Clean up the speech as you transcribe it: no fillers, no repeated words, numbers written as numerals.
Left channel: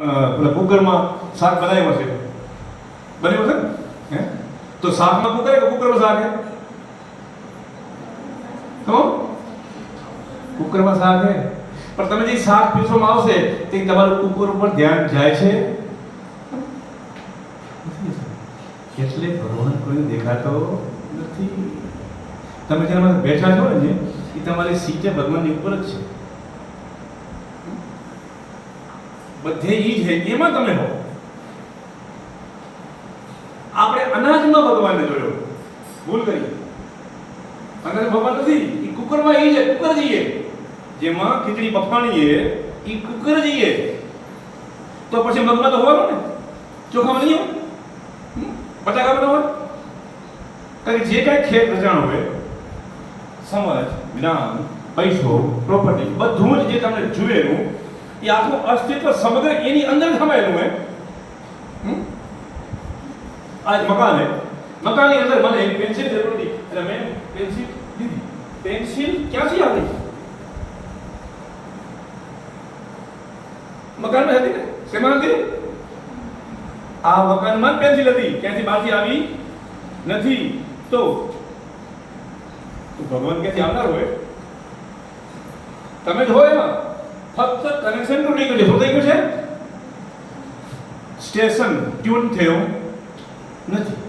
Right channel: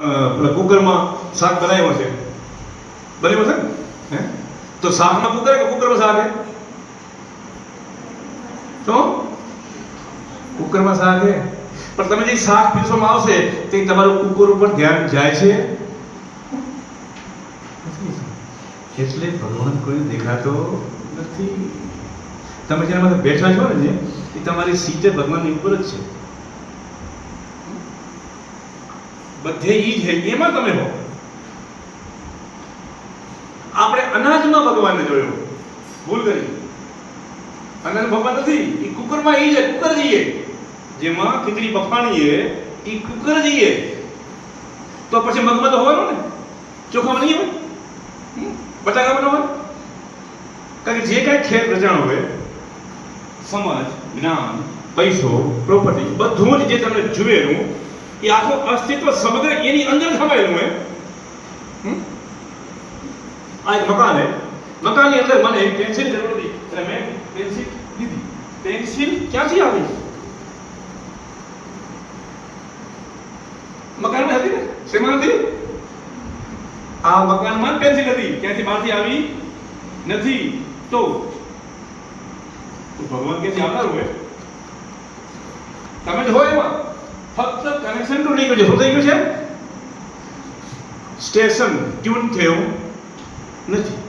પેલા કુકરમાં શાક બનાવ્યું છે, બરાબર છે હે? તો શાકમાં કુકર કે કુકરમાં શાક હે? તો કુકરમાં શાક હે, પણ તમે જે શાક પીરસવામાં આવશે તે તમારું કુકર ઉપર ધ્યાન જાય છે, એટલે ભગવાન કોઈ દેખાતો નથી. તમે જેના બેઠા છો ને એ તમારી સીટે ભગવાનની ઉપર જ છે, બધે ઈ જ છે, એમાં તમે હો. આપણે અનાજમાં ભગવાનને જોયો, ભૂલ કરી. અનાજ ભગવાન નથી, એ કુકરમાં ઈ છે, કુકર જઈએ જેમાં ખીચડી બફાણીએ એ કુકર જઈએ, તો પછી મગમાં તો હોવાનું ને, ચોખામાં નહીં હોય, બટાકામાં ન હોય. કારણ કે જે કાંઈ ખેત રચાણ હોય, સમજ, જ્ઞાન, પૈસો, પ્રોપર્ટી, બધું જ જે તમને જુએલું એ આખું અસ્તિત્વ સમગ્ર એની અંદર સમાયેલું હોય. આ એક મકાન છે, મકાનની અંદર મને એક પેન્સિલ જરૂર હતી અને મેં પેન્સિલ લીધી. પેન્સિલ ક્યાંથી આવી? મકાનમાં હતી ને, શેમાં હતી? આ મકાનમાં જ પેન્સિલ હતી, ક્યાંથી બહારથી આવી નથી. તો ભગવાન ક્યાંથી આવનાર હોય? તમે જ હોય એમાં, ફક્ત કનેક્શન તૂટી ગયું છે. શું થઈ ગયું છે? સ્ટેશન ટ્યુન થયું નથી.